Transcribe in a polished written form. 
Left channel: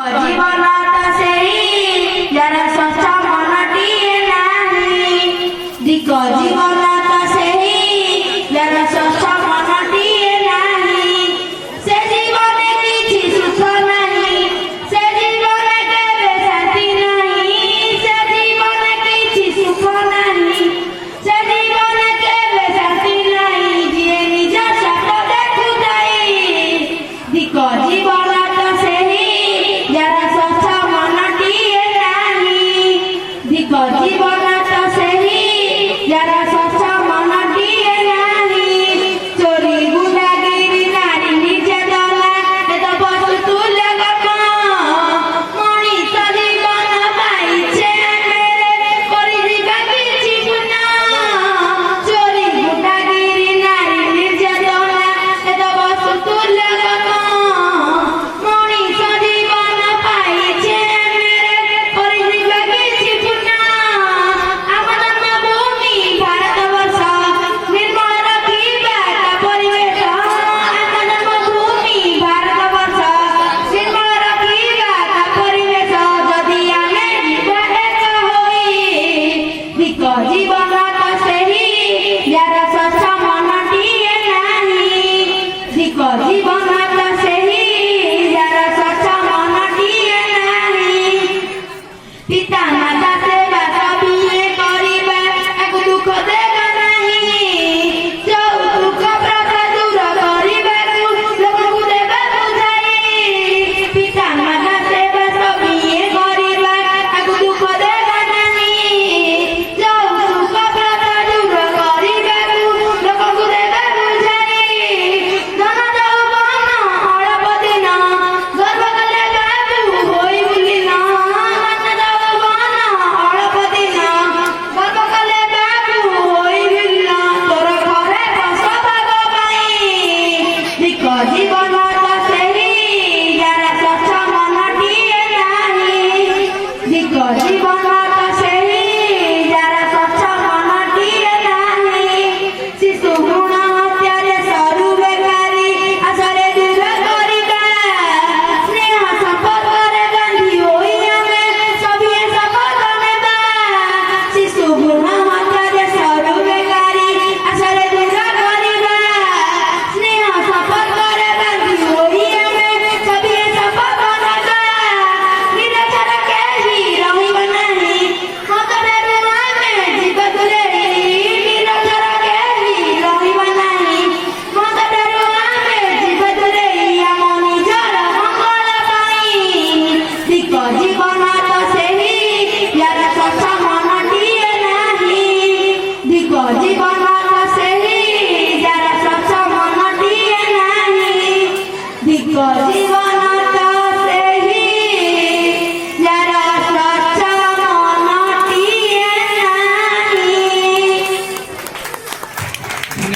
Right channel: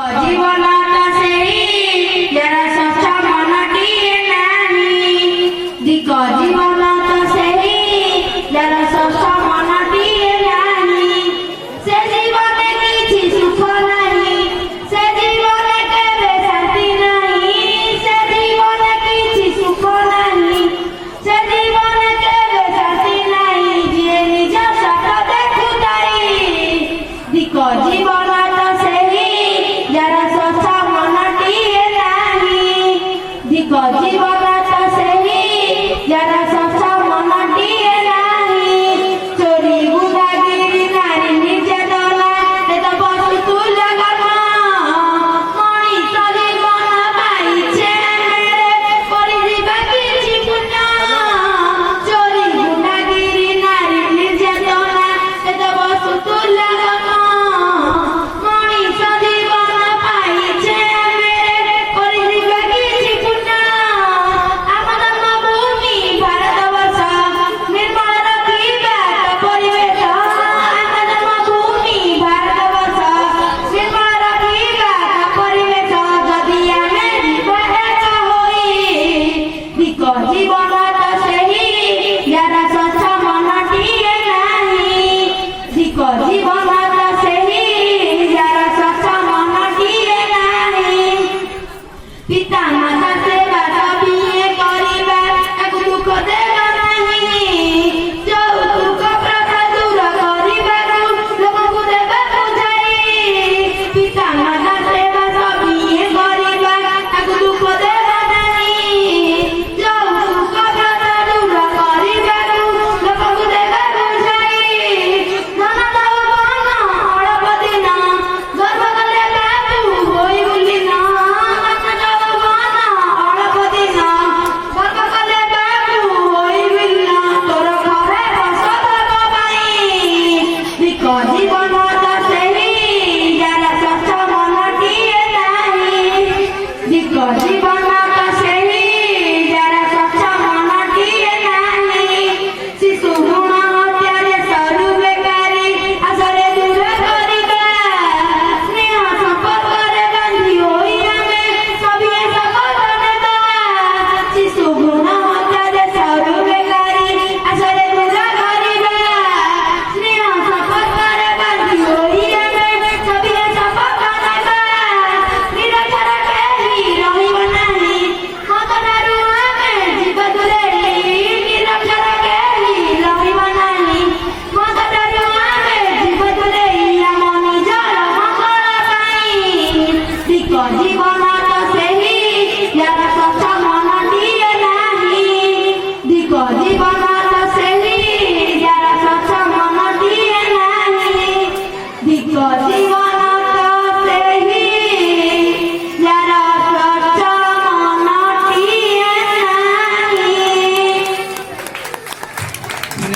জীবনটা সেই যারা স্বচ্ছ মনটিয়ে নাহি দিক জীবনটা সেই যারা স্বচ্ছ মনটিয়ে নাহি সে জীবনে কিছু সুখ নাহি সে জীবনে কেবে শান্তি নাহি সে জীবনে কিছু সুখ নাহি সে জীবনে কেবে শান্তি নাহি যিয়ে নিজ সত্য দেখুতাই দিক জীবনটা সেই যারা স্বচ্ছ মনটিয়ে নাহি দিক জীবনটা সেই যারা স্বচ্ছ মনটিয়ে নাহি চোরি গুন্ডাগিরি নারী নির্যাতনা এত বস্তু তুলে গল্প মଣିষ জীবন পাইছে পরিজীবে কিছু পুণ্য চোরি গুন্ডাগিরি নারী নির্যাতনা এত বস্তু তুলে গল্প মনিষ জীবন পাইছে পরিজীবে কিছু পুণ্য আমার জন্মভূমি ভারতবর্ষ নির্মল রাখিবা পরিবেশ আমার জন্মভূমি ভারতবর্ষ নির্মল রাখিবা পরিবেশ যদি আমি জীবন হই দিক জীবনটা সেই যারা স্বচ্ছ মনটিয়ে নাহি দিক জীবনটা সেই যারা স্বচ্ছ মনটিয়ে নাহি পিতা মাতা সেবা বিয়ে করিবা এক দুঃখ দেবা নাহি যৌতুক প্রথা দূর করিବାକୁ ଲୋକଙ୍କୁ ଦେବା ବୁଝାଇ ପିତା ମାତା ସେବା ବିଏ କରିବା ତାକୁ ଦୁଃଖ ଦେବା ନାହିଁ ଯୌତୁକ ପ୍ରଥା ଦୂର କରିବାକୁ ଲୋକଙ୍କୁ ଦେବା ବୁଝାଇ ଧନ ଯୌବନ ଅଳପ ଦିନ ଗର୍ବ କଲେ ବାବୁ ହୋଇ ବୁଲିନ ଧନ ଯୌବନ ଅଳପ ଦିନ ଗର୍ବ କଲେ ବାବୁ ହୋଇ ବୁଲିନ ତୋର ଘରେ ବସବାସ ପାଇଁ ଦିକ ଜୀବନଟା ସେହି ଯାରା ସ୍ୱଚ୍ଛ ମନଟିଏ ନାହି ଦିକ ଜୀବନଟା ସେହି ଯାରା ସ୍ୱଚ୍ଛ ମନଟିଏ ନାହି ଶିଶୁ ଭ୍ରୂଣ ହତ୍ୟାରେ ସରୁ ବେକାରୀ ଆଶରେ ଦୂର କରିବା ସ୍ନେହ ସମ୍ପର୍କରେ ବାନ୍ଧି ହୋଇ ଆମେ ସଭିଏ ଶପଥ ନେବା ଶିଶୁ ଭ୍ରୂଣ ହତ୍ୟାରେ ସରୁ ବେକାରୀ ଆଶରେ ଦୂର କରିବା ସ୍ନେହ ସମ୍ପର୍କରେ ବାନ୍ଧି ହୋଇ ଆମେ ସଭିଏ ଶପଥ ନେବା ନିରକ୍ଷର କେହି ରହିବ ନାହିଁ ମତଠାରୁ ଆମେ ଜୀବ ଦୂରେଇ ନିରକ୍ଷର କେହି ରହିବ ନାହିଁ ମତଠାରୁ ଆମେ ଜୀବ ଦୂରେଇ ଆମ ନିଜର ମଙ୍ଗଳ ପାଇଁ ଦିକ ଜୀବନ